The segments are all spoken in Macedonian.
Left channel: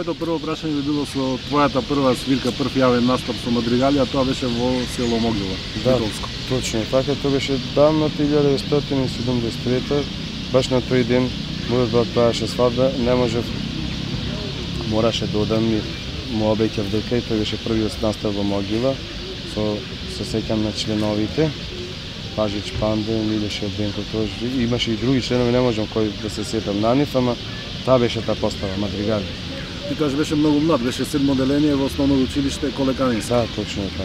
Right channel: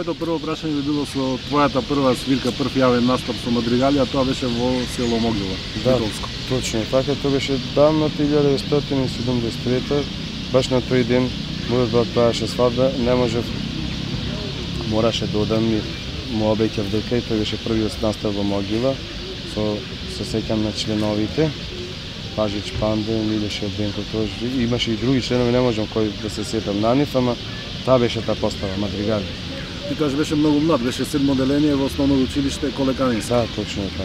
Моето прво прашање би било со твојата прва свирка, прв јавен настап со мадригали, а тоа беше во село Могила, Битолско. Точно така, тоа беше давно 1973, баш на тој ден мојот брат правеше свадба, не можев, мораше да одам и му обеќав дека и тој беше првиот настап во Могила, се сеќам на членовите, Пажич Панде, Милеше Бенко Тож, имаше и други членови, не можам кој да се сетам на нив, ама таа беше таа постава, мадригали. Ти кажеш беше многу млад, беше 7 оделение во основно училиште Колеканинско. Да, точно така.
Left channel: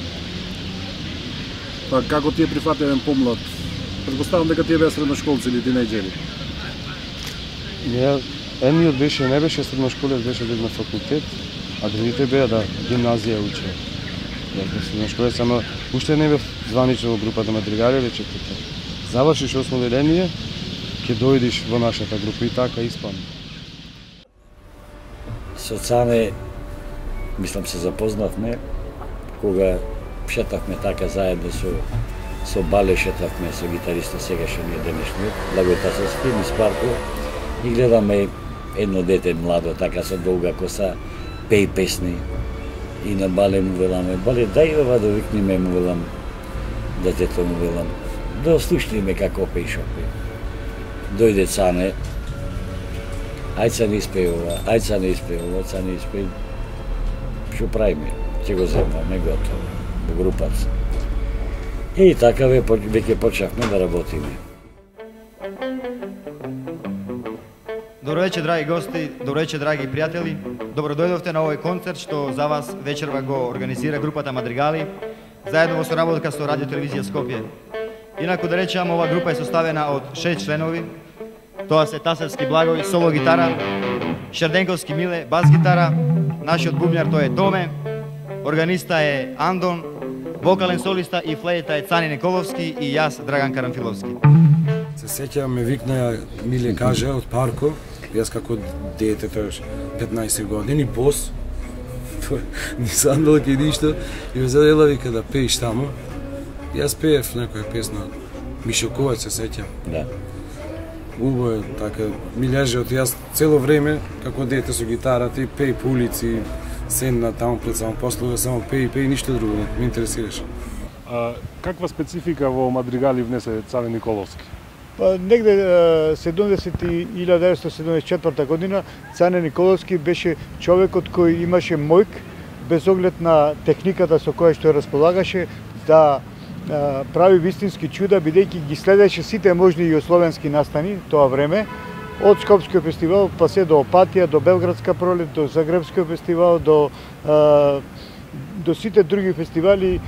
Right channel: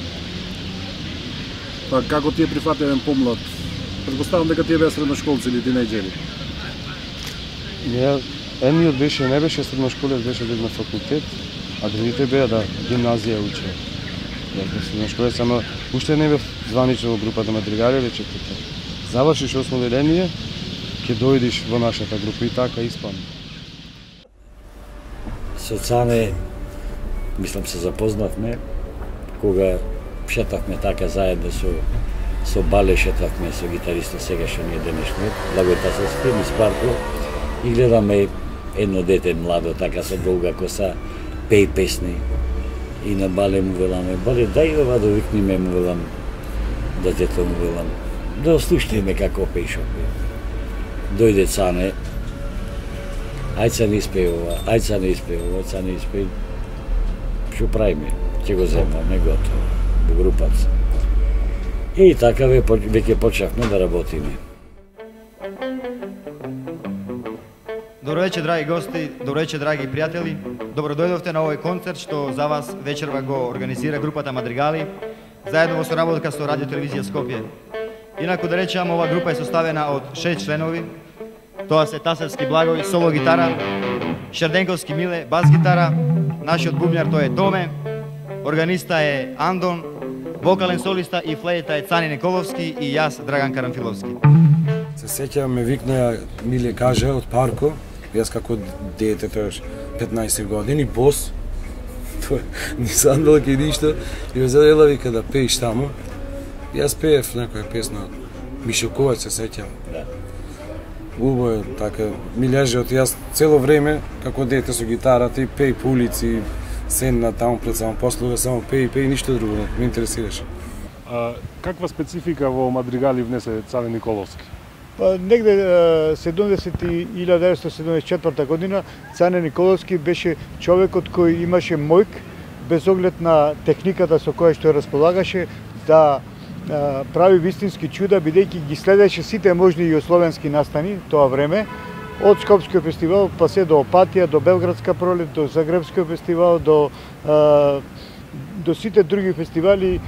Па како ти е прифати еден помлад? Претпоставам дека тие беа средношколци или тинејџери. Едниот беше, не беше средношколец, беше на факултет, а другите беа гимназија учеа. Средношколец, ама уште не бев званично во групата мадригали, рече дека завршиш 8 оделение, ќе дојдеш во нашата група и така испадна. Со Цане, мислам се запознавме, кога шетавме така заедно со Бале, шетавме со гитариста сегашниот денешниот, Благој Тасовски, низ парко, и гледаме едно дете младо, така со долга коса, пеј песни. И на Бале му веламе, Бале, дај ова да викниме, му велам, детето му велам, да слушниме како пеј шопе. Дојде Цане, ајца не испеј ова, ајца не испеј ова, ајца не испеј. Што правиме? Ќе го земаме готово, во групата. И така веќе почнавме да работиме. Добро вечер, драги гости, добро вечер, драги пријатели. Добро дојдовте на овој концерт што за вас вечерва го организира групата Мадригали, заедно во соработка со Радио Телевизија Скопје. Инаку да речам, ова група е составена од 6 членови. Тоа се Тасевски Благој, соло гитара, Шерденковски Миле, бас гитара, нашиот бубњар тој е Томе, органиста е Андон, вокален солиста и флејта е Цани Николовски и јас Драган Карамфиловски. Се сеќавам, ме викна Миле каже од парко, јас како дете, тоаш 15 години, бос, ни сандалки и ништо, и ме задела вика да пееш таму. Јас пеев некоја песна, Мишо Ковач се сеќам. Да. Убаво е, така, ми лежи од јас цело време, како дете со гитарата и пеј по улици, седна таму пред само послуга, само пеј, ништо друго, ме интересираше. Каква специфика во мадригали внесе Цане Николовски? Па негде 1974 година Цане Николовски беше човекот кој имаше мојк, без оглед на техниката со која што располагаше, да прави вистински чуда, бидејќи ги следеше сите можни југословенски настани тоа време, од Скопскиот фестивал, па се до Опатија, до Белградска пролет, до Загребскиот фестивал, до сите други фестивали,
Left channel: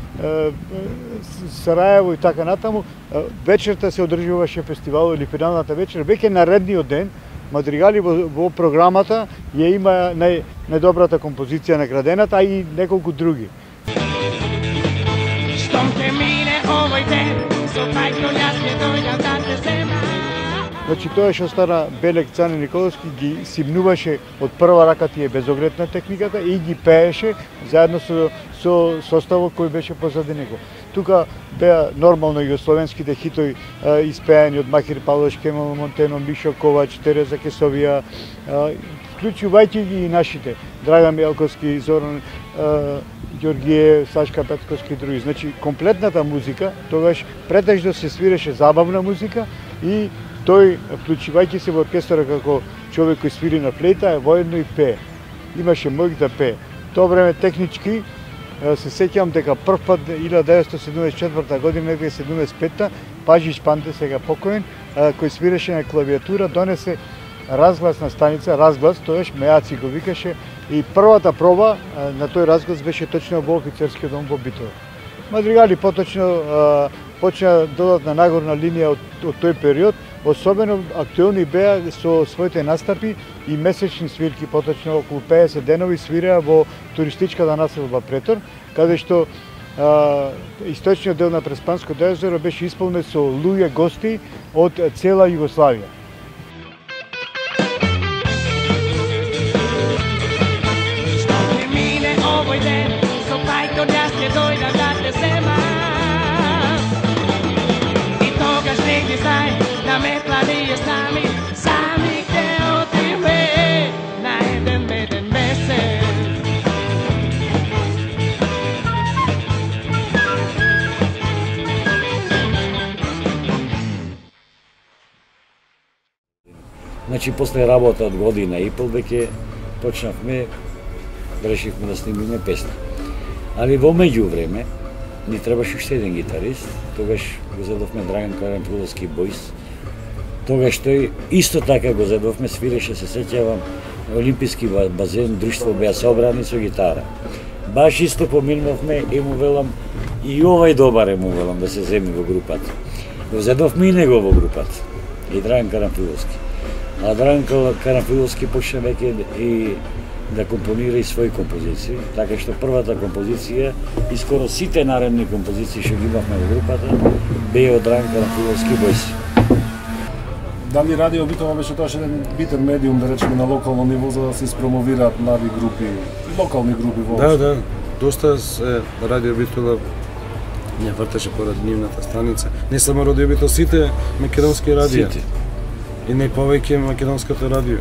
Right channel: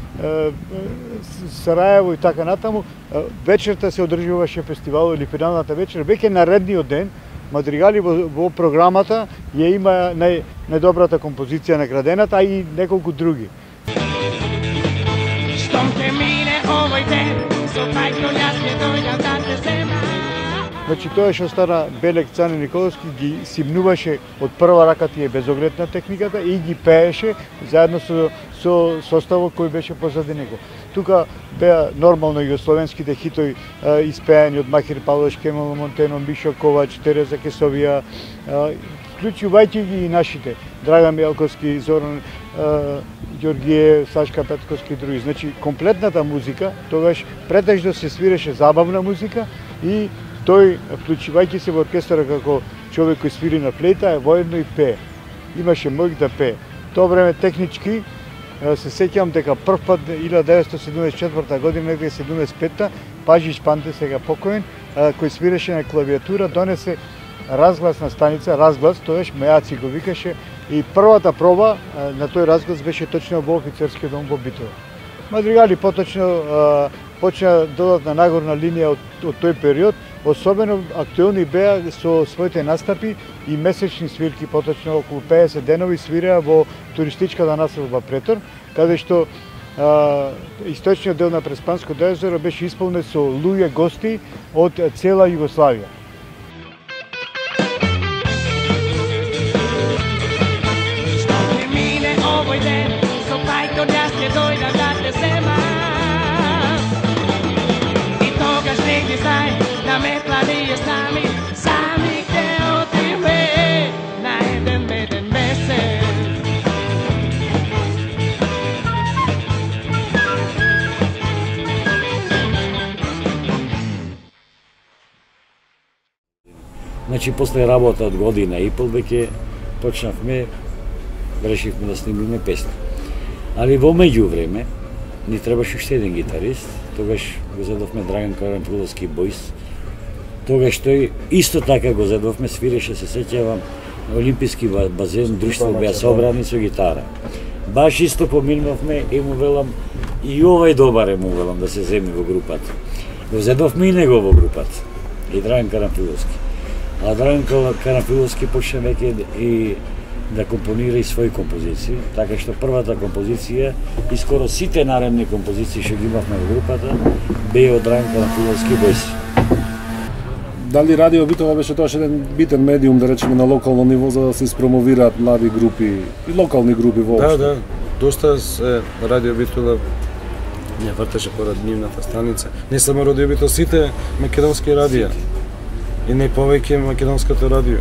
Сараево и така натаму. Вечерта се одржуваше фестивал или финалната вечер, веќе наредниот ден, Мадригали во програмата ја има најдобрата композиција наградената, а и неколку други. Значи тоа што стара Белек Цане Николовски ги симнуваше од прва рака тие без оглед на техниката и ги пееше заедно со составот кој беше позади него. Тука беа нормално југословенските хитови испеани од Махир Павлович, Кемал Монтено, Мишо Ковач, Тереза Кесовија, вклучувајќи ги и нашите, Драган Мелковски, Зоран Ѓоргиев, Сашка Петковски и други. Значи, комплетната музика, тогаш претежно се свиреше забавна музика и тој, вклучувајќи се во оркестра како човек кој свири на флейта, воедно и пее. Имаше мојк да пее. Тоа време технички се сеќавам дека прв пат 1974 година, 1975, Пажич Панде, сега покоен, кој свиреше на клавиатура, донесе разгласна станица, разглас, тоеш Меаци го викаше, и првата проба на тој разглас беше точно во офицерскиот дом во Битола. Мадригали поточно почна додатна нагорна линија од тој период, особено актуелни беа со своите настапи и месечни свирки, поточно околу 50 денови свиреа во туристичката населба Претор, каде што источниот дел на Преспанско езеро беше исполнет со луѓе гости од цела Југославија. Da me planije sami, sami gde otiме, na jedan meden mesec. Значи, после работа од година и пол, веќе почнавме, решивме да снимиме песни. Али во меѓувреме, ни требаше уште еден гитарист, тогаш го зедовме Драган Карамфиловски Бојс. Тогаш тој исто така го зедовме, свиреше, се сеќавам, Олимписки базен, друштво беа собрани со гитара. Баш исто поминувме и му велам, и овај добар е, му велам, да се земи во групата. Го зедовме и него во групата, и Драган Карамфиловски. А Драган Карамфиловски почна веќе и да компонира и своји композиции, така што првата композиција и скоро сите наредни композиции што ги имавме во групата беа од Драган Карамфиловски Бојс. Дали радио битово беше тоа еден битен медиум, да речеме, на локално ниво за да се испромовираат млади групи, локални групи воопшто? Да, доста се радио битово не вртеше поред нивната станица. Не само радио битово, сите македонски радио. Сите. И најповеќе македонското радио.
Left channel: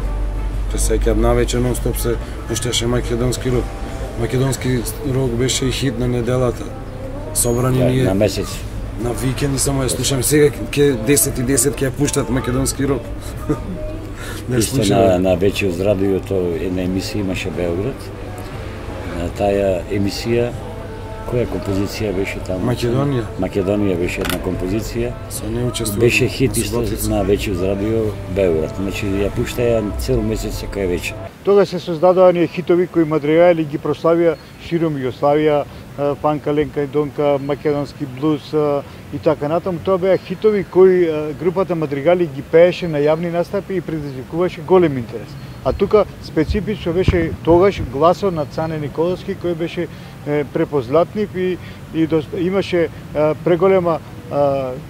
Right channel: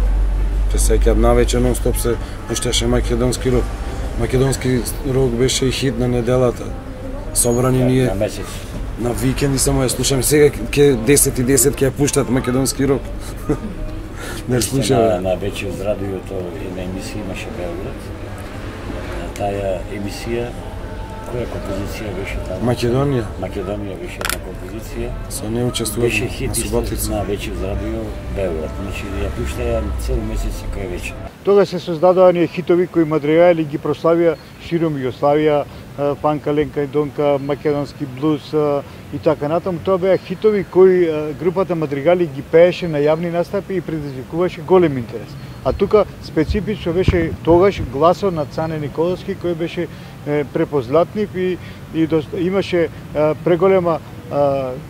Се сеќавам навечер нон-стоп се пушташе македонски рок. Македонски рок беше и хит на неделата. Собрани ние На месец. на викенди само ја слушам. Сега ќе 10 и 10 ќе ја пуштат македонски рок. Не Исто слушам. на вече од радиото една емисија имаше Белград. На таа емисија, која композиција беше таму? Македонија. Македонија беше една композиција. Со не учествувам. Беше хит на исто Слотица. на вече од радио Белград. Значи ја пуштаја цел месец секоја вечер. Тога се создадоа оние хитови кои мадригали ги прославија широм Југославија, Панка, Ленка и Донка, македонски блуз и така натаму. Тоа беа хитови кои групата Мадригали ги пееше на јавни настапи и предизвикуваше голем интерес. А тука специфично беше тогаш гласот на Цане Николовски кој беше препознатлив и имаше преголема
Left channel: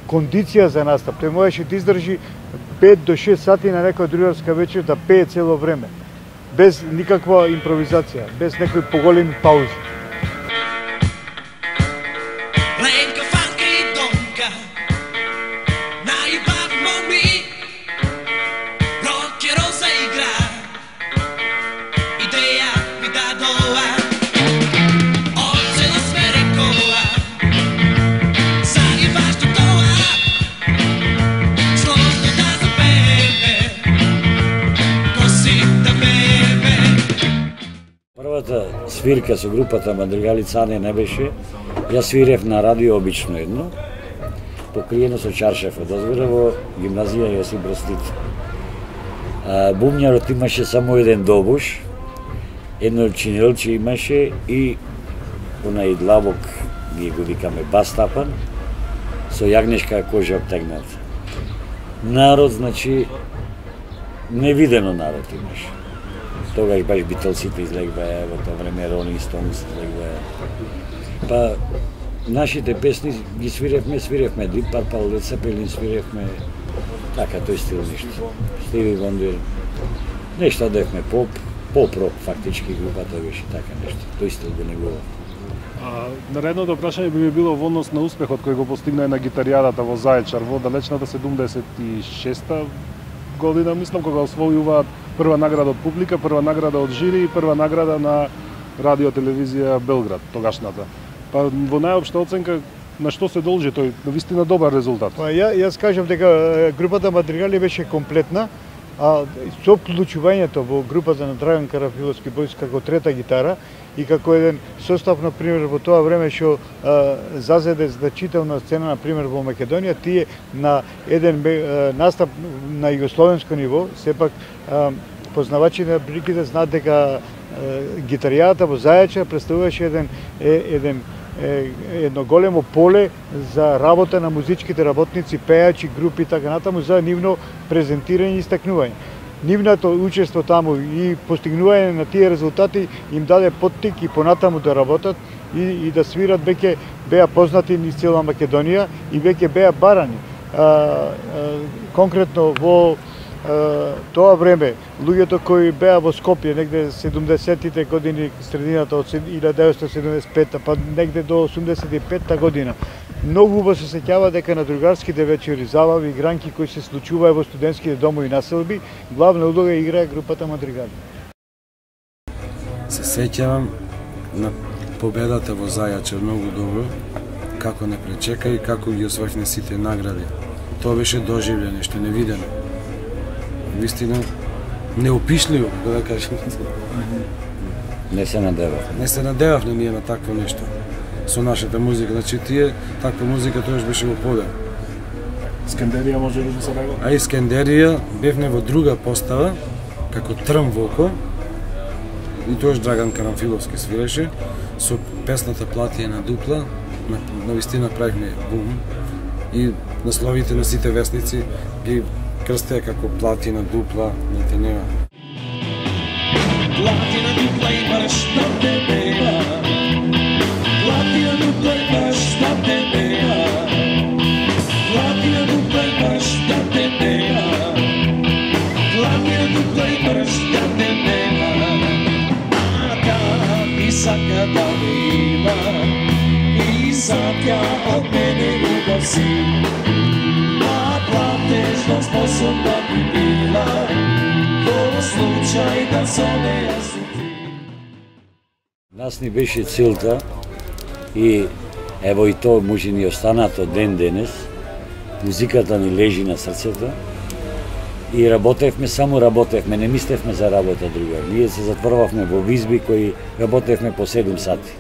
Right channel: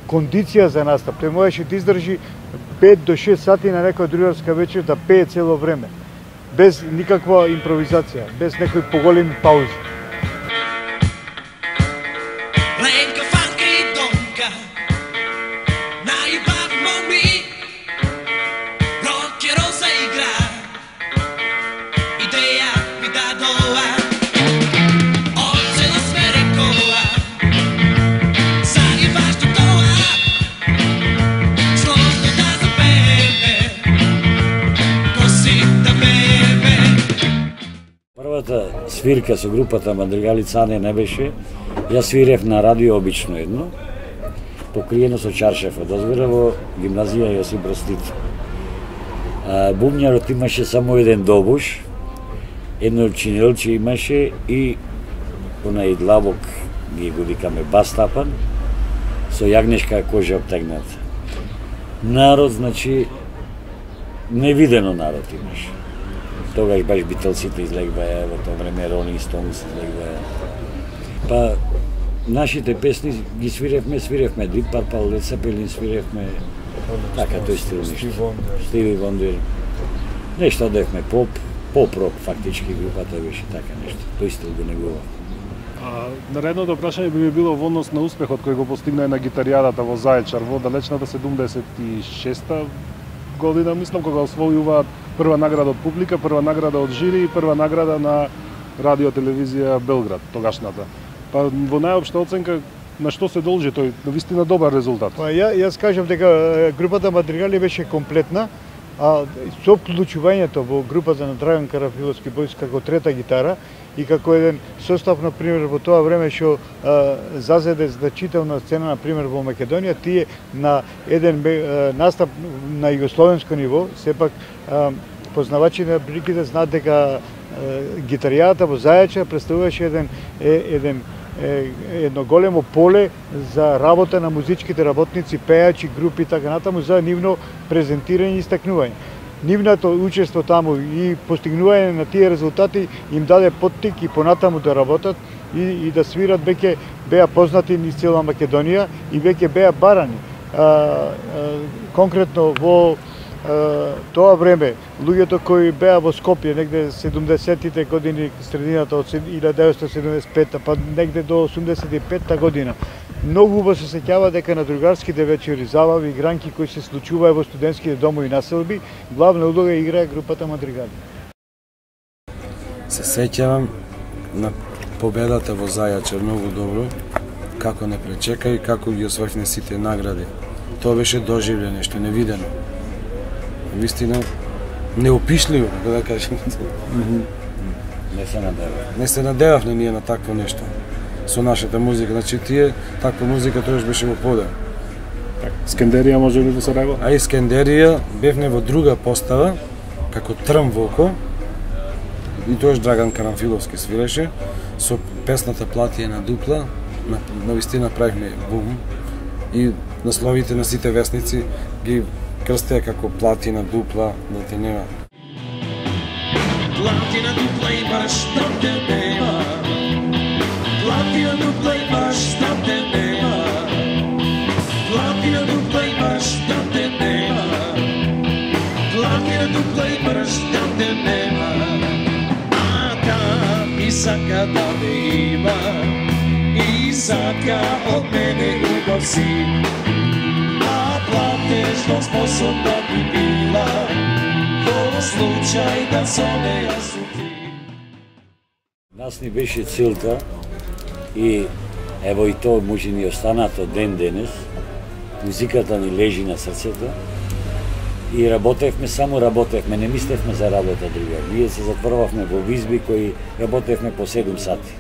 кондиција за настап. Тој можеше да издржи 5 до 6 сати на некоја другарска вечер да пее цело време, без никаква импровизација, без некои поголеми паузи. Lenka, Fanka i Donka naibavimo mi, rockero zaigra, ideja mi dadova, ocena smerikova, zaibaš do toa, složno da zapeve, ko si da bebe. Првата свирка со групата Мадригали Цане не беше. Јас свирев на радио обично едно, покриено со чаршаф од озгора во гимназија Јосип Брз Тито. Бумњарот имаше само еден добуш, едно чинелче имаше и онај длабок, ние го викаме бастапан, со јагнешка кожа обтегнат. Народ, значи, невидено народ имаше. Тогаш баш Битълсите излегваа, во тоа време Rolling Stones излегваа. Па, нашите песни ги свиревме Deep Purple, Led Zeppelin свиревме, така, тој стил нешто. Стиви Вондер, нешто одевме поп-рок, фактички групата беше така нешто, тој стил го негува. Наредното прашање би ми било во однос на успехот кој го постигна на гитаријадата во Заечар во далечната 76-та година, мислам, кога освојуваат прва награда од публика, прва награда од жири и прва награда на радио телевизија Белград, тогашната. Па во најопшта оценка на што се должи тој навистина добар резултат? Па јас кажам дека групата Мадригали беше комплетна, а со вклучувањето во групата на Драган Карамфиловски Бојс како трета гитара и како еден состав, на пример, во тоа време што зазеде значителна сцена, на пример, во Македонија, тие на еден настап на југословенско ниво, сепак познавачи на бригите знаат дека гитаријата во Зајачар представуваше едно големо поле за работа на музичките работници, пејачи, групи и така натаму за нивно презентирање и истакнување. Нивното учество таму и постигнување на тие резултати им даде поттик и понатаму да работат и да свират, веќе беа познати низ цела Македонија и веќе беа барани. Конкретно во тоа време, луѓето кои беа во Скопје негде 70-тите години, средината од 1975-та, па негде до 85-та година, многу убаво се сеќава дека на другарските вечери, забави, игранки кои се случуваа во студентските домови населби, главна улога играе групата Мадригали. Се сеќавам на победата во Зајачар многу добро, како не пречека и како ги освоивме сите награди. Тоа беше доживле, нешто невидено. вистина неопишливо, да кажем. Не се надевав. Не се надевавме ние на такво нешто со нашата музика. Значи тие таква музика тоаш беше во подем. Скандерија може да се регла? А Искендерија бевме во друга постава како трн во око. И тоаш Драган Карамфиловски свиреше со песната Платија на дупла. На вистина правихме бум и насловите на сите вестници ги крстеа како Платија на дупла, не те нема. Platina dupla i baš da te nema. Platina dupla i baš da te nema. Platina dupla i baš da te nema. Platina dupla i baš da te nema. Aka ti saka da me ima. I satja od mene ljubav si. A platežno sposobna bi bila. Случај да со неја си ти. Нас ни беше целта и ево и то може ни останато ден денес. Музиката ни лежи на срцето и работевме, само работевме, не мислевме за работа друга. Ние се затворвавме во визби кои работевме по 7 сати.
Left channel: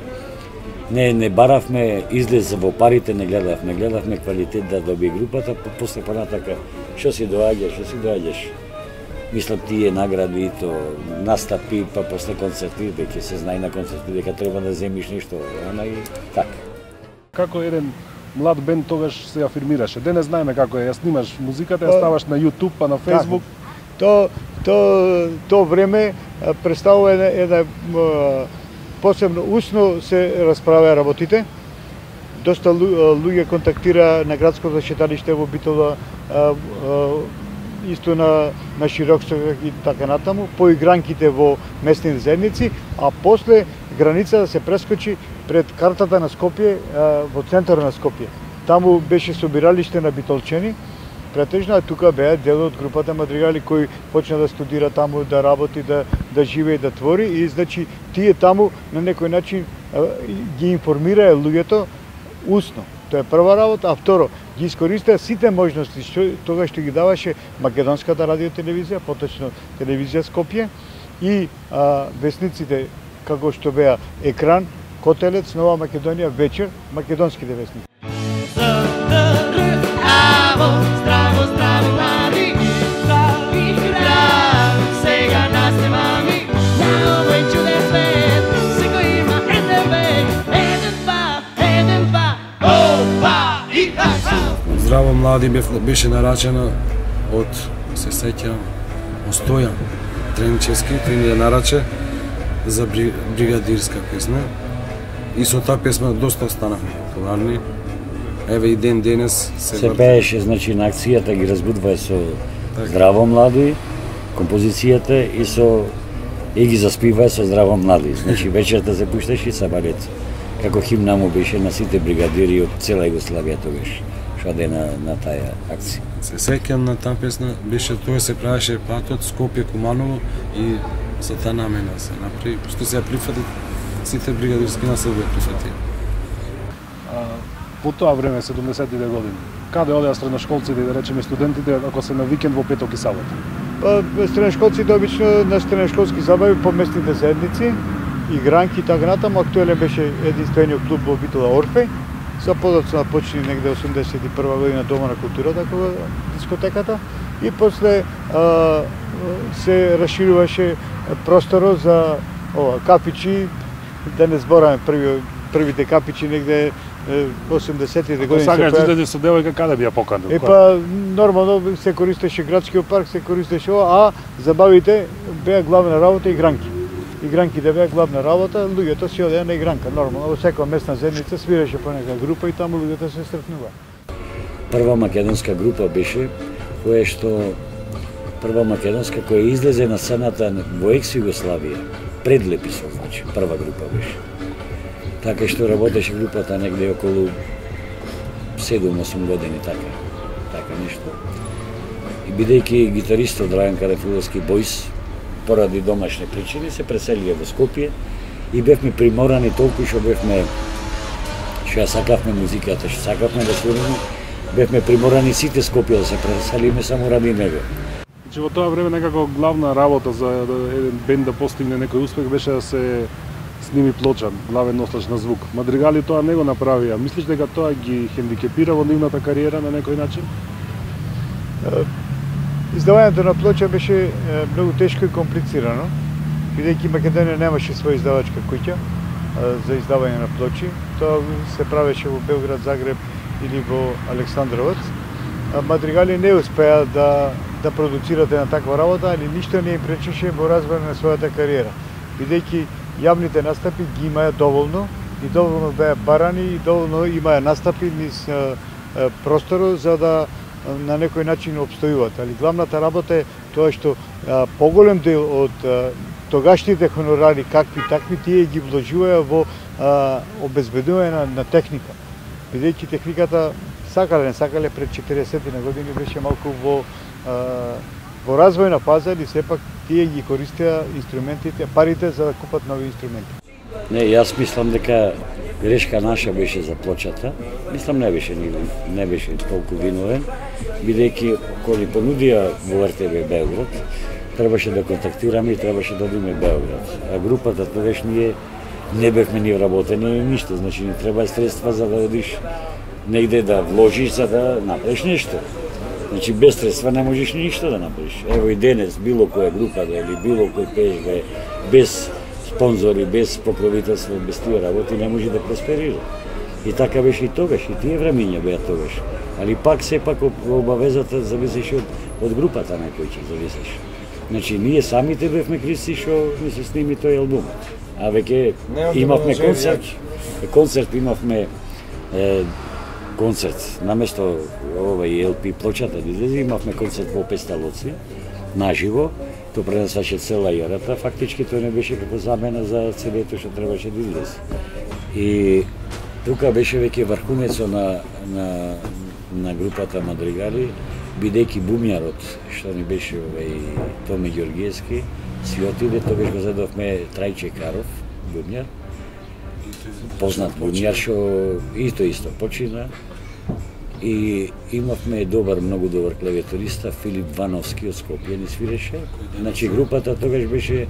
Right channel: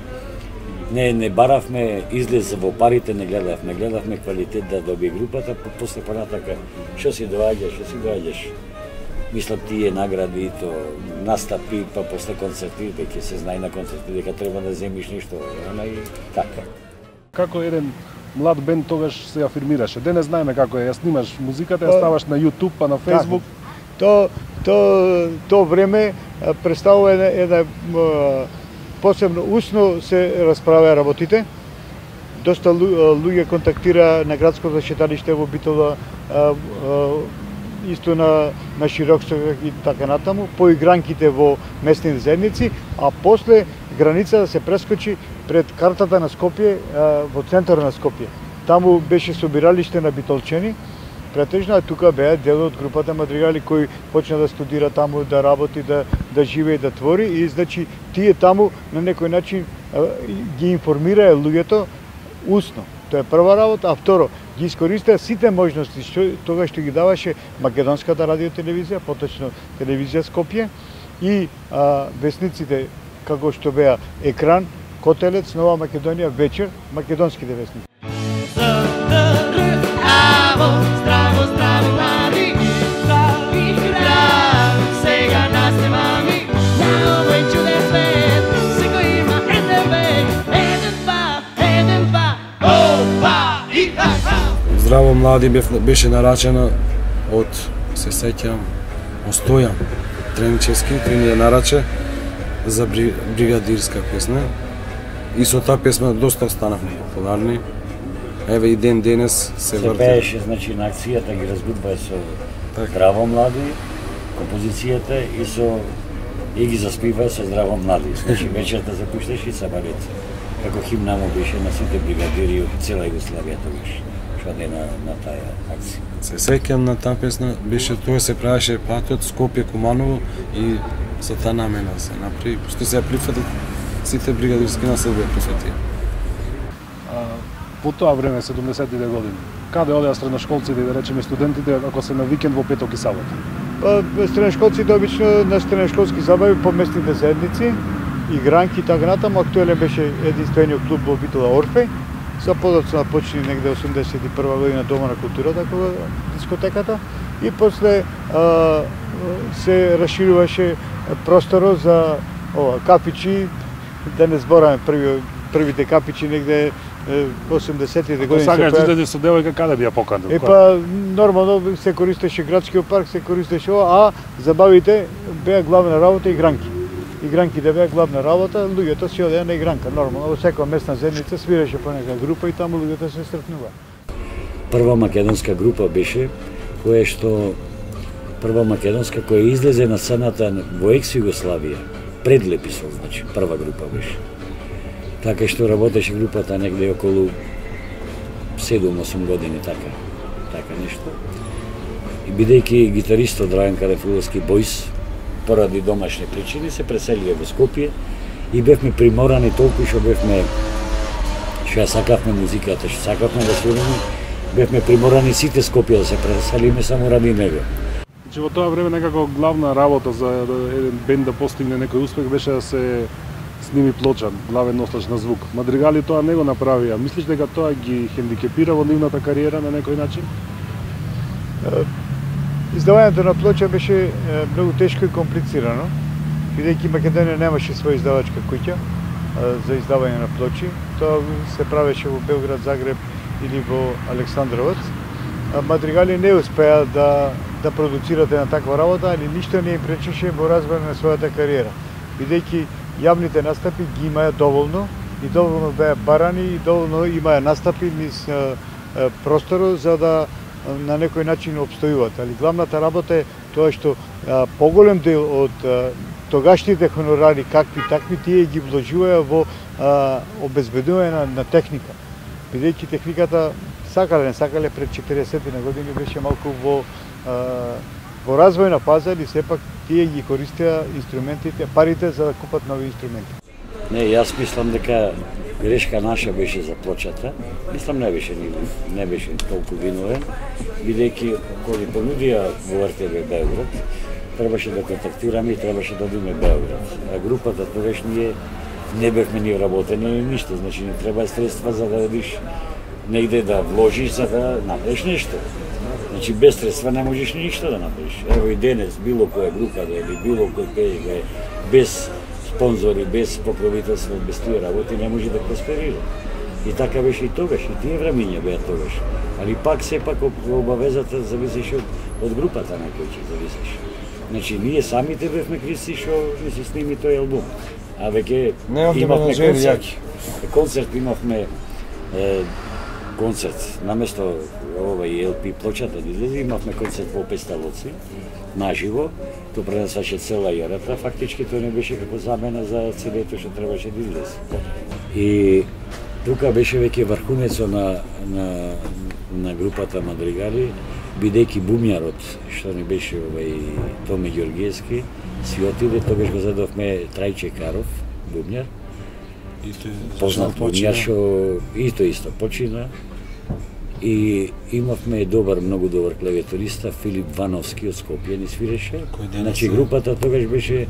Не баравме излез во парите, не гледавме квалитет да доби групата, после понатака што си доаѓаш. Мислам тие награди и то настапи, па после концерти, веќе се знае на концерти дека треба да земиш нешто, ама и така. Како еден млад бенд тогаш се афирмираше. Денес знаеме како е, ја снимаш музиката, ја ставаш на YouTube, па на Facebook. То време представува една посебно усно се расправаа работите. Доста луѓе контактира на градското шеталиште во Битола, исто на Широксток и така натаму, по игранките во местните заедници, а после граница да се прескочи пред картата на Скопје во центарот на Скопје. Таму беше собиралиште на битолчени, претежно, а тука беа дел од групата Мадригали кои почна да студира таму, да работи, да живее, да твори и значи тие таму на некој начин ги информираа луѓето усно. Тоа е прва работа, а второ, ги искористеа сите можности што ги даваше македонската радиотелевизија, поточно телевизија Скопје и весниците како што беа Екран, Котелец, Нова Македонија, Вечер, македонските весници. Здраво млади беше нарачено од, се сеќавам, Остојан Тренчевски, тој ни ја нараче за бригадирска песна. И со таа песна доста останавме популарни. Еве и ден денес се пееше, значи на акцијата ги разбудува со Здраво млади, композицијата и ги заспива со Здраво млади. Значи вечерта се пушташе и Сабарец. Како химна му беше на сите бригадири од цела Југославија тогаш. Шаде на таа акција. Се сеќам на таа песна, беше тоа се правеше патот Скопје Куманово и за таа намена се направи, што се ја прифати сите бригадирски на Србија прифати. По тоа време, 70-тите години, каде одеа средношколците и да речеме студентите ако се на викенд во петок и сабота? Па средношколците обично на средношколски забави по местните заедници, игранки и така натаму. Актуелен беше единствениот клуб во Битола Орфеј. За подоцна почни негде 81 година Дома на културата, кога дискотеката, и после се расшируваше просторот за капичи, да не збораме првите капичи негде 80-тите години. Сакаш да идете со девојка, каде би ја поканил? Па нормално се користеше градскиот парк, се користеше а забавите беа главна работа игранки. Игранките беа главна работа, луѓето си одеа на игранка, нормално, во секоја местна заедница свиреше по нека група и таму луѓето се сретнуваа. Прва македонска група беше прва македонска која излезе на сцената во екс-Југославија, пред Леписот, значи, прва група беше. Така што работеше групата негде околу 7-8 години, така нешто. И бидејќи гитаристот Драган Карамфиловски Бојс, поради домашни причини, се преселија во Скопје и бевме приморани толку што ја сакавме музиката, што сакавме да свириме, бевме приморани сите Скопје да се преселиме само ради него. Значи во тоа време некако главна работа за еден бенд да постигне некој успех беше да се сними плоча, главен носач на звук. Мадригали тоа не го направија. Мислиш дека тоа ги хендикепира во нивната кариера на некој начин? Издавањето на плоча беше многу тешко и комплицирано, бидејќи Македонија немаше своја издавачка куќа за издавање на плочи. Тоа се правеше во Белград, Загреб или во Александровац. Мадригали не успеа да продуцират една таква работа, али ништо не им пречеше во развој на својата кариера, бидејќи јавните настапи ги имаја доволно и доволно беа барани и доволно имаја настапи низ просторот за да на некој начин обстојуваат. Али главната работа е тоа што поголем дел од тогашните хонорари, какви такви, тие ги вложуваја во обезбедување на техника. Бидејќи техниката, сакале не сакале, пред 40 на години беше малку во развојна фаза и сепак тие ги користеа инструментите, парите за да купат нови инструменти. Не, јас мислам дека грешка наша беше за плочата. Мислам не беше толку виновен, бидејќи кога ни понудија во РТБ Белград, требаше да контактираме и требаше да одиме Белград. А групата тогаш ние не бевме ни вработени ништо, значи ни треба средства за да одиш негде да вложиш за да направиш нешто. Значи без средства не можеш ништо да направиш. Ево и денес било која група да или било кој пееш да без спонзори, без покровителство, без тие работи не може да просперира. И така беше и тогаш, и тие времиња беа тогаш. Али пак сепак обавезата зависеше од групата на кој ќе зависеш. Значи ние самите бевме кривци што не се сними тој албум. А веќе имавме концерт имавме концерт наместо овај LP плочата да излезе, имавме концерт во Песталоци наживо. Тоа пренесаше цела јарата, фактички тоа не беше како замена за CD-то што требаше да излезе. И тука беше веќе врхунецот на групата Мадригали, бидејќи бумјарот што ни беше Томи Ѓоргиевски, си отиде, тогаш го задовме Трајче Каров, бумјар, познат бумјар што исто почина. И имавме многу добар клавиатуриста, Филип Вановски од Скопје ни свиреше. Значи групата тогаш беше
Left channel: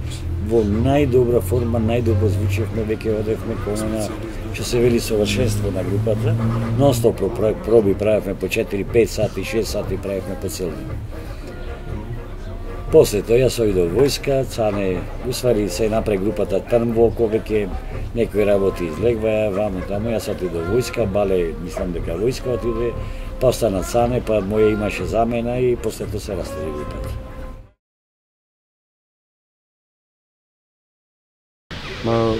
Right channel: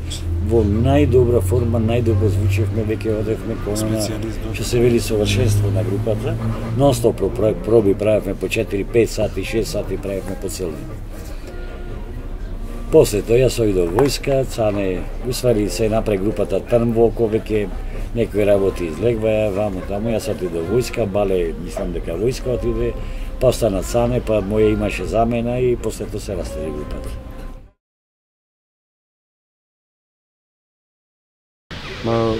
во најдобра форма, најдобро звучевме, веќе одевме кона што се вели совршенство на групата. Нонстоп проби правевме по 4-5 сати, 6 сати правевме по цел ден. После тоа јас оидов војска, Цане, усвари се напред групата Трнволко, веќе некои работи излегваја, ваму таму, јас отидов војска, Бале, мислам дека војска отиде, па остана Цане, па моја имаше замена и после тоа се растаде групата. На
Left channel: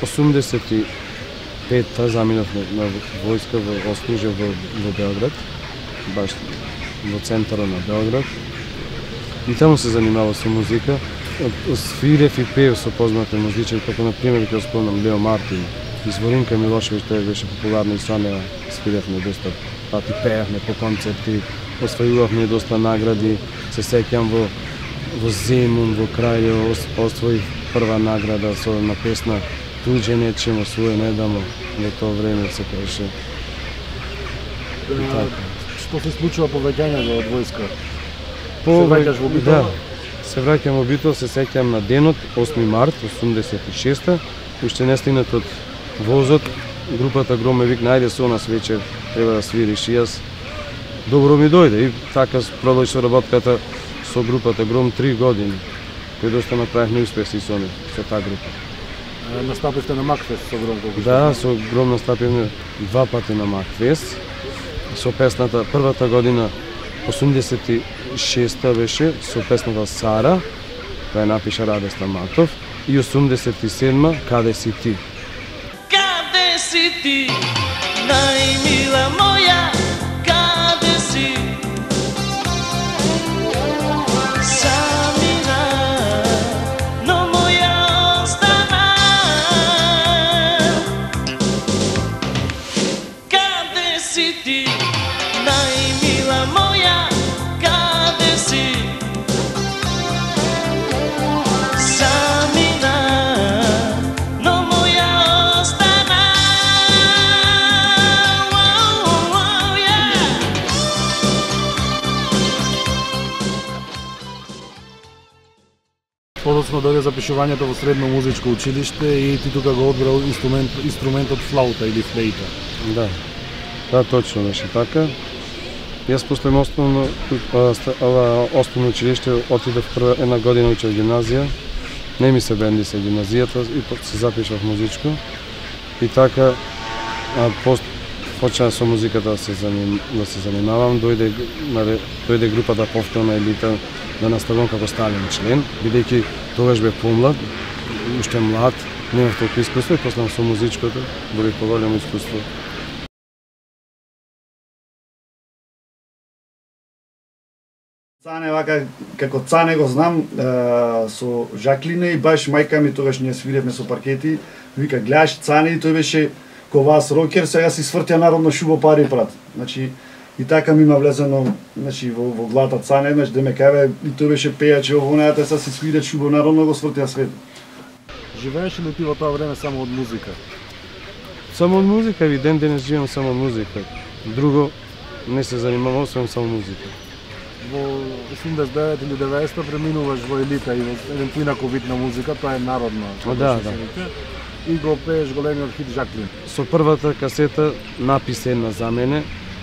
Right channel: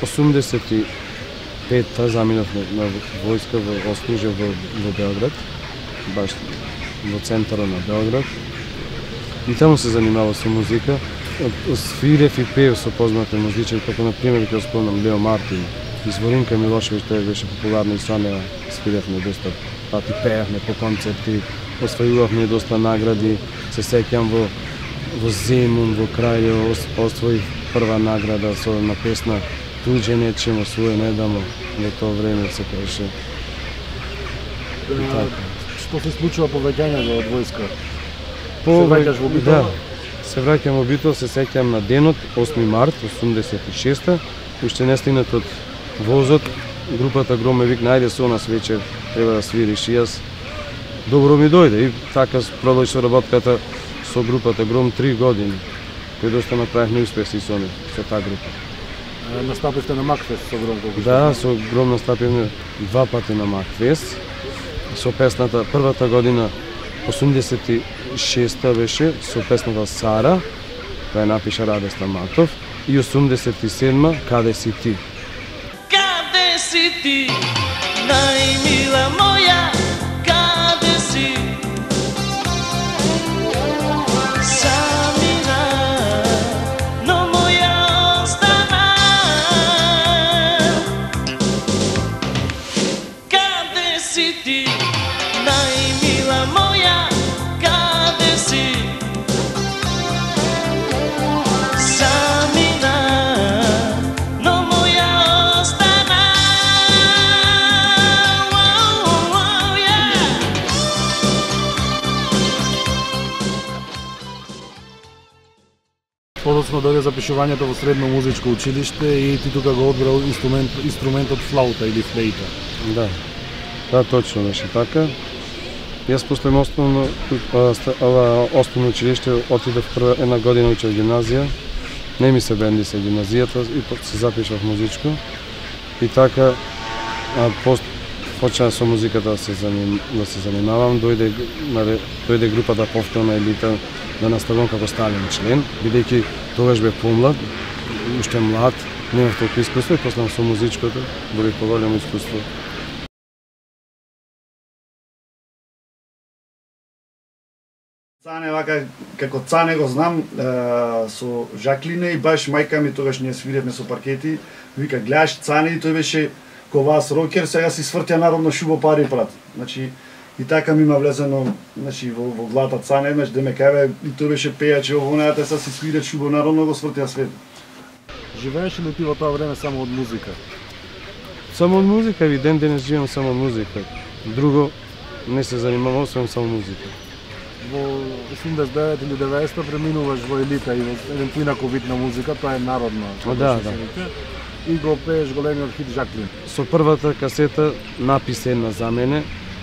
85-та заминав на војска во Ослужје во Белград, баш во центарот на Белград. И таму се занимавав со музика. Свирев и пеев со познати музичари, како на пример ќе спомнам Лео Мартин, Изворинка Милошевиќ, тој беше популарна и со неа свиревме доста пати, пеевме по концерти, освојувавме доста награди. Се сеќам во Земун, во Крајево, освоив прва награда на песна Туѓе нечемо, своје не дамо, во тоа време се пеше. Што се случува по враќањето од војска? Се враќаш во Битол? Да, се враќам во Битол, се сеќам на денот, 8 март 86-та, уште не стигнат од возот, групата Гром ме викна, ајде со нас вечер, треба да свириш, и јас добро ми дојде и така продолжи со работката со групата Гром 3 години, кој доста направивме успеси со таа група. Настапивте на Макфест со Гром колку? Да, со Гром настапивме 2 пати на Макфест, со песната првата година 86-та беше со песната Сара, која напиша Раде Стаматов, и 87-ма Каде си ти? Каде си ти, најмила моја, каде си? Самина, но моја остана. Каде си ти, најмила моја, каде си? Самина, но моја остана. Касно дојде запишувањето во средно музичко училиште и ти тука го одбрал инструментот флаута или флейта. Да. Да, точно беше така. Јас после основно училиште отидов прва една година учев гимназија. Не ми се бенди се гимназијата и се запишав музичко. И така почнав со музиката да се занимавам. Дојде групата повторна Елита да наставам како стален член, бидејќи тогаш бев помлад, уште млад, немав толку искуство и после со музичкото добив поголемо искуство. Цане, вака, како Цане го знам, со Жаклина и баш мајка ми тогаш ние свиревме со паркети, вика, гледаш Цане и тој беше ко вас рокер, сега си свртја народно шубо пари брат. Значи, и така ми има влезено, значи, во главата Цане, значи, да ме каве, и тој беше пејач во вонајата, сега си свире шубо народно, го свртја свет. Живееш ли ти во тоа време само од музика? Само од музика, и ден денес живеам само од музика. Друго не се занимавам, освен само музика. Во 89 или 90 преминуваш во Елита и во еден поинако вид на музика, тоа е народна. Да. И го пееш големиот хит Жаклин. Со првата касета написа една за мене,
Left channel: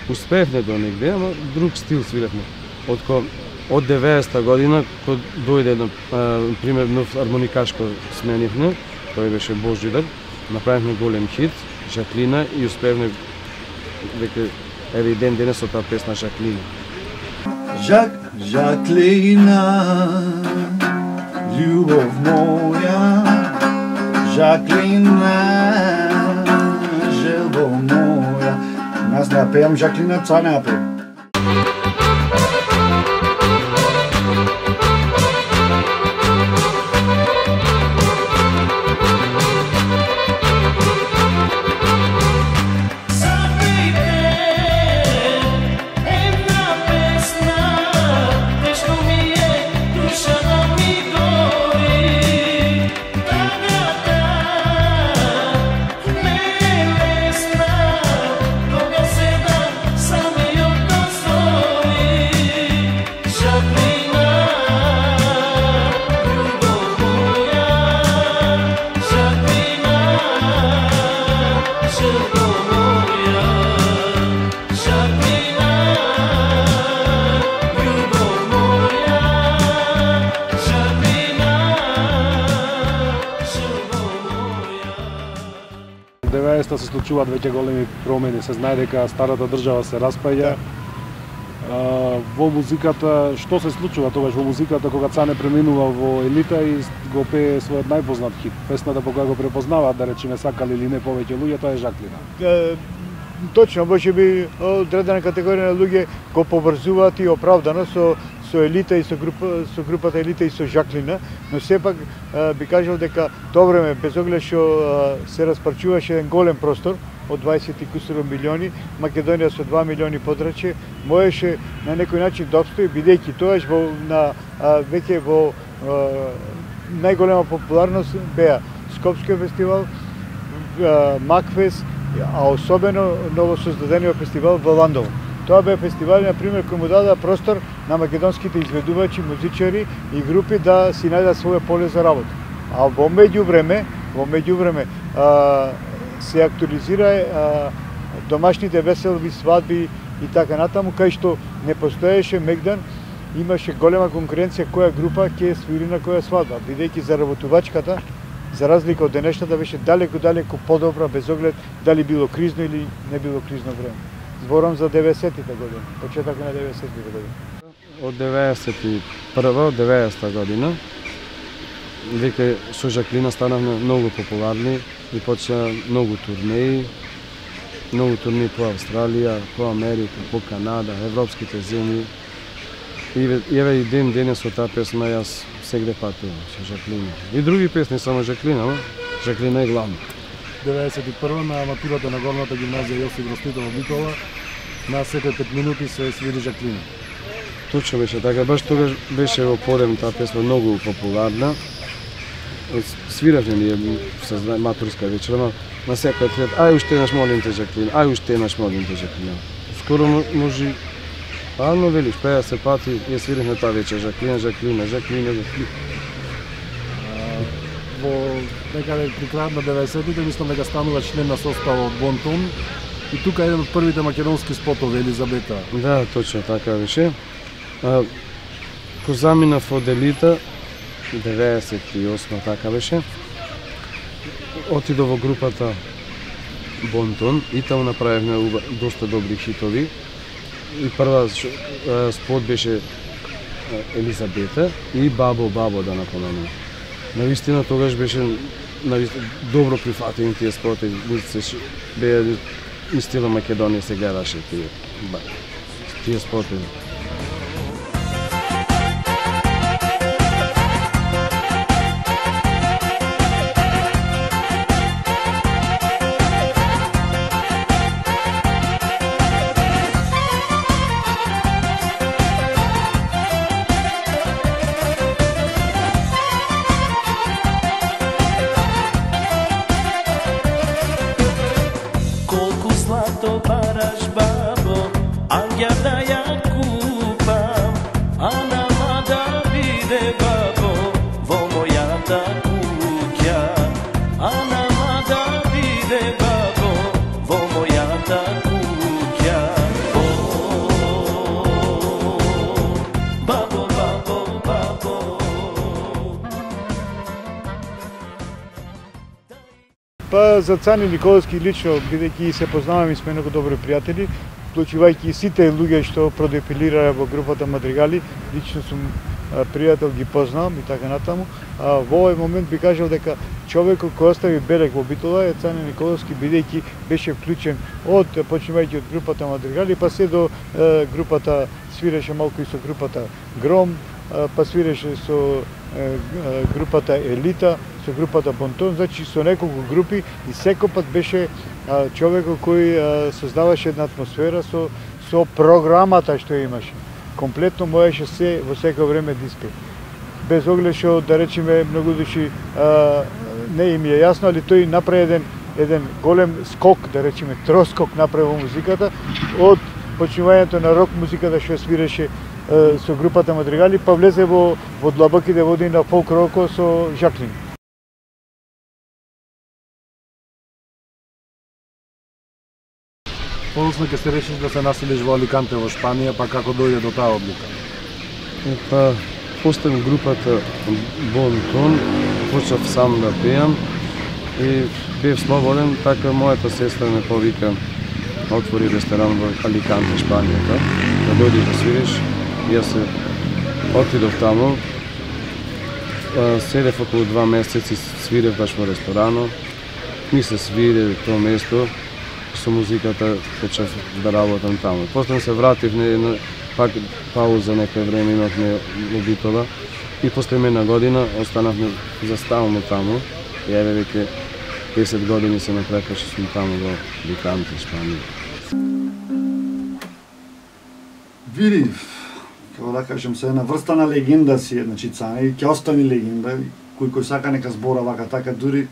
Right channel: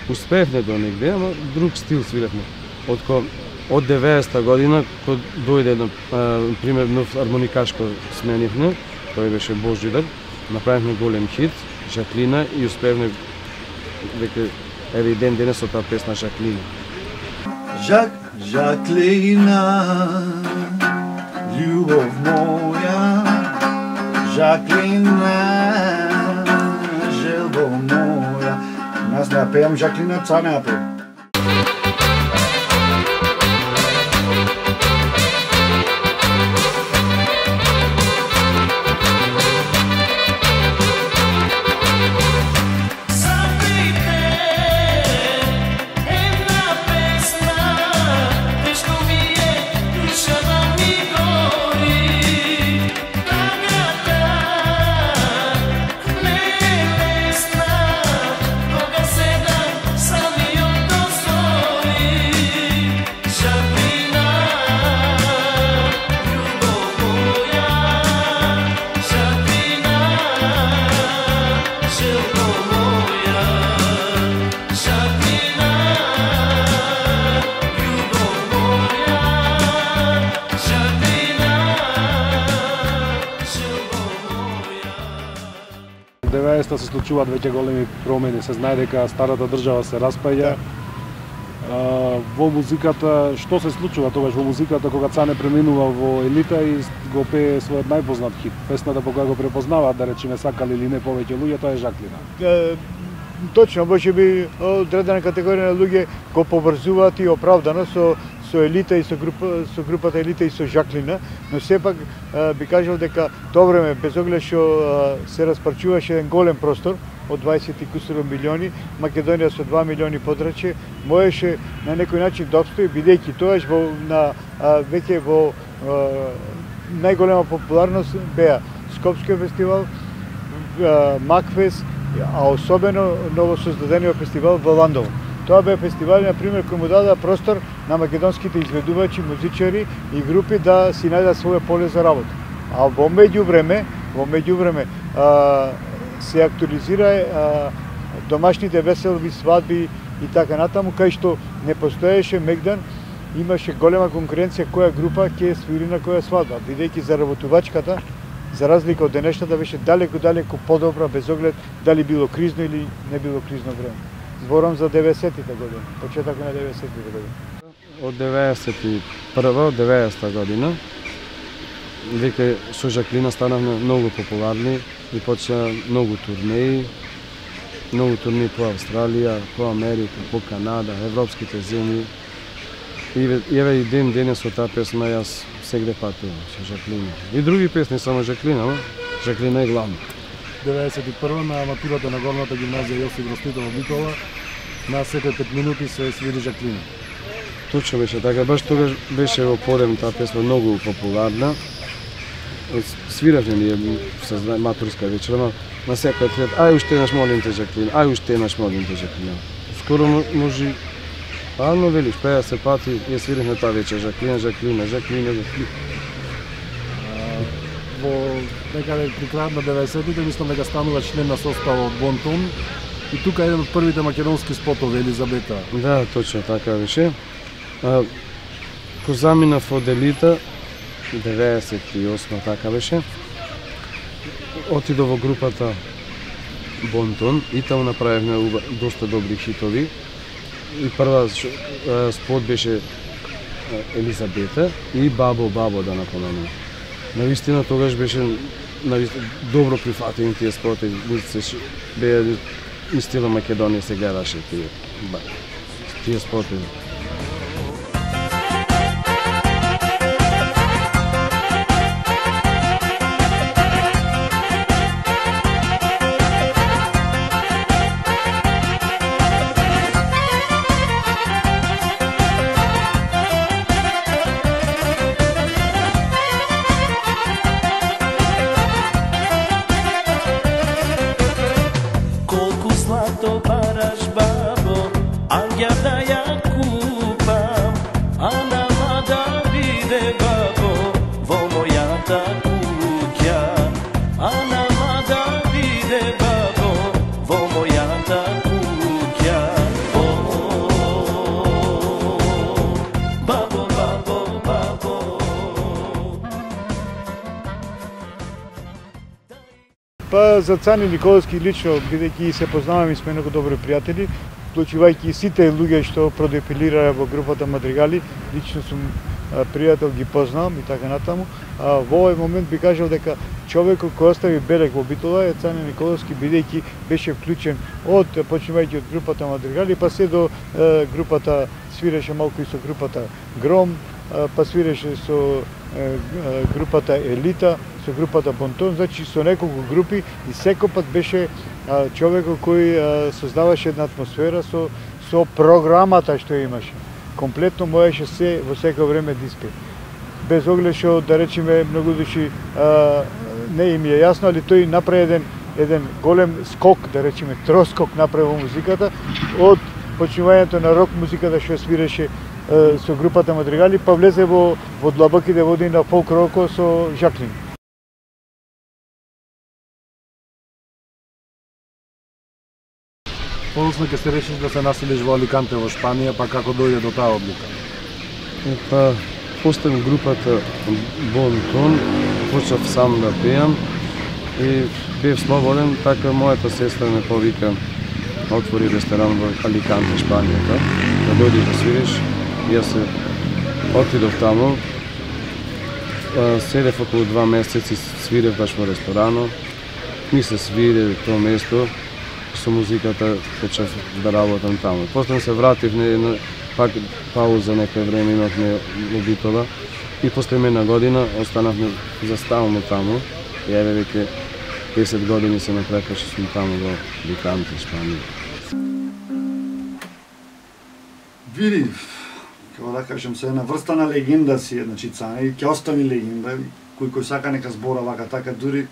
успеевме до негде, ама друг стил свиревме. Од 90-та година, кога дојде на пример нов армоникашко сменивме, тој беше Божидар, направивме голем хит Жаклина и успеевме веќе еве и ден денес со таа песна Жаклина. Жаклина, љубов моја, Жаклина, желба моја. Нас не ја пеам Жаклина, Цане ја пеам. Се случуваат веќе големи промени, се знае дека старата држава се распаѓа. Во музиката, што се случува тогаш во музиката кога Цане преминува во Елита и го пее својот најпознат хит? Песната по која го препознаваат, да речеме, сакали или не повеќе луѓе, тоа е Жаклина. Точно, може би одредена категорија на луѓе го поврзуваат и оправдано со Елита и со групата Елита и со Жаклина, но сепак би кажал дека тоа време без оглед што се распарчуваше еден голем простор од 20 и кусуро милиони, Македонија со 2 милиони подрачје, можеше на некој начин да обстои, бидејќи тоаш веќе во најголема популарност беа Скопскиот фестивал, Макфест, а особено новосоздадениот фестивал во Ландово. Тоа беа фестивали, например, кои му дадаа простор на македонските изведувачи, музичари и групи да си најдат своје поле за работа. А во меѓувреме се актуализира домашните веселби, свадби и така натаму, кај што не постоеше мегдан, имаше голема конкуренција која група ќе свири на која свадба, бидејќи заработувачката, за разлика од денешната, беше далеку подобра, без оглед дали било кризно или не било кризно време. Зборам за 90-тите години, почеток на 90-тите години. Од 91-а, од 90-та година, веќе со Жаклина станавме многу популарни и почна многу турнеи по Австралија, по Америка, по Канада, европските земји. И еве и ден денес со таа песна јас сегде патувам со Жаклина. И други песни, само Жаклина, но Жаклина е главна. 91 на матурата на горната гимназија Јосип Брз Титов во Битола, на секој 5 минути се свири Жаклина. Точно беше така, баш тогаш беше во подем таа песна многу популарна. Свиравме ние со матурска вечера, на секој трет, ај уште еднаш молим те Жаклина, ај уште еднаш молим те Жаклина. Скоро може, но велиш, 50 пати ја свиравме таа вечер Жаклина. некаде при крајот на 90-тите, мислам дека станува член на составот Бонтон. И тука е еден од првите македонски спотови, Елизабета. Да, точно така беше. Ко заминав од Елита, 98 така беше, отидов во групата Бонтон и таму направивме доста добри хитови. И прва спот беше Елизабета и Бабо Бабо, да напоменам. Навистина тогаш беше добро прифатени тие споти, се беа и стила Македонија се гледаше тие споти. Па за Цани Николовски лично, бидејќи се познаваме и сме многу добри пријатели, вклучувајќи сите луѓе што продефилираа во групата Мадригали, лично сум пријател, ги познавам и така натаму. Во овој момент би кажал дека човекот кој остави белег во Битола е Цани Николовски, бидејќи беше вклучен почнувајќи од групата Мадригали, па се до групата, свиреше малку и со групата Гром, па свиреше со групата Елита, со групата Бонтон, значи со неколку групи и секој пат беше човекот кој создаваше една атмосфера со програмата што имаше. Комплетно можеше се во секој време да испее. Без оглед што, да речеме, многу души не им е јасно, али тој направи еден голем скок, да речеме троскок направи во музиката, од почнувањето на рок музиката што свиреше со групата Мадригали, па влезе во длабоките води на фолк роко со Жаклин. Подоцна ќе се решиш да се населиш во Аликанте во Шпанија, па како дојде до таа одлука? Па поставив групата Бонтон, почнав сам да пеам и бев слободен, така мојата сестра ме повика, отвори ресторан во Аликанте, Шпанијата, да дојдеш да свириш. Јас се отидов таму, седев околу 2 месеци, свирев баш во ресторанот, ми се свири тоа место, со музиката почнав да работам таму. После се вратив, пак пауза некој време имавме во Битола и после една година останавме заставно таму. И еве веќе 10 години се напрека што сум таму во Аликанте, Шпанија. Види, како да кажем, се една врста на легенда си, значи Цани, ќе остане легенда, кој сака нека збора вака така, дури,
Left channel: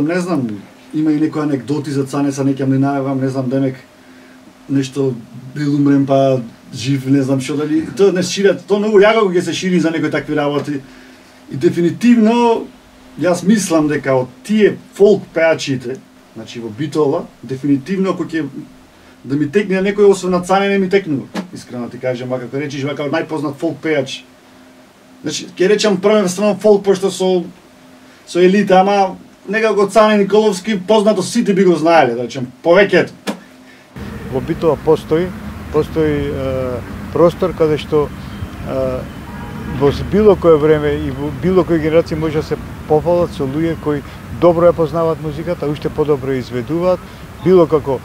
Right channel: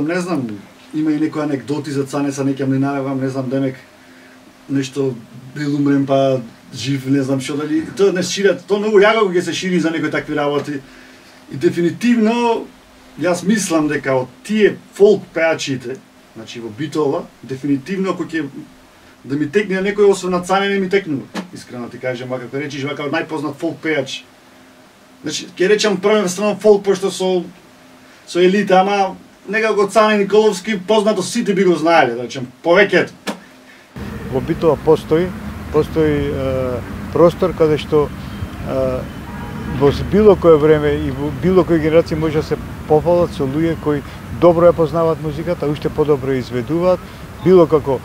не знам, има и некои анекдоти за Цанеца, не ќе млинавам, не знам, демек, нешто бил умрен па жив, не знам што дали, тоа не шират, тоа многу јако ќе се шири за некои такви работи. И дефинитивно, јас мислам дека од тие фолк пеачите, значи во Битола, дефинитивно ако ќе да ми текне некој освен на Цане не ми текнува. Искрено ти кажам, вака како речиш, вака најпознат фолк пеач. Значи, ќе речам првенствено фолк, пошто со Елита, ама некако Цане Николовски познато сите би го знаеле, да речем, повеќето. Во Битола постои простор каде што во било кое време и во било која генерација може да се пофалат со луѓе кои добро ја познаваат музиката, уште подобро ја изведуваат, било како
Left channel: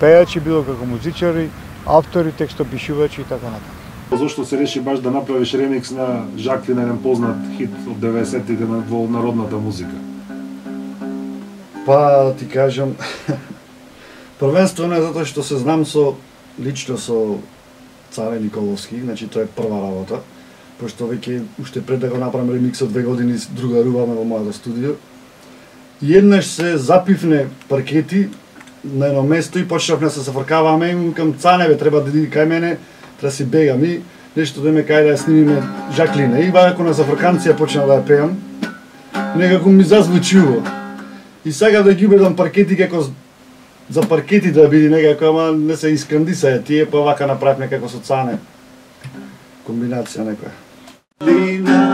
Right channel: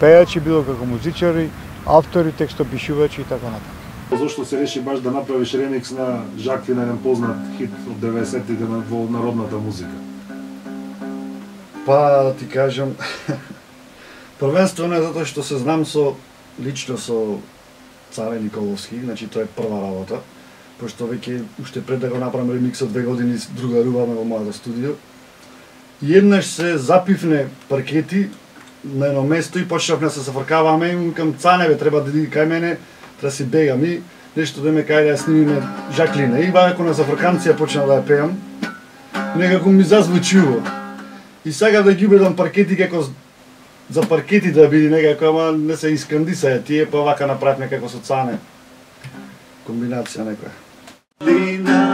пејачи, било како музичари, автори, текстопишувачи и така натаму. Зошто се реши баш да направиш ремикс на Жаклин, еден познат хит од 90-тите во народната музика? Па ти кажам, првенствено е затоа што се знам лично со Цане Николовски, значи тоа е прва работа, пошто веќе уште пред да го направам ремиксот 2 години другаруваме во мојата студио. И еднаш се запивне паркети на едно место и почнавме да се зафркаваме и към Цане бе, треба да иди кај мене, треба си бегам и нешто да ме кај да ја снимиме Жаклина. И вако на зафрканција почнав да ја пеам. некако ми зазвучува. И сакав да ги убедам паркети како за паркети да биде некако, ама не се искрандисаја тие, па вака направивме како со Цане. Комбинација некоја.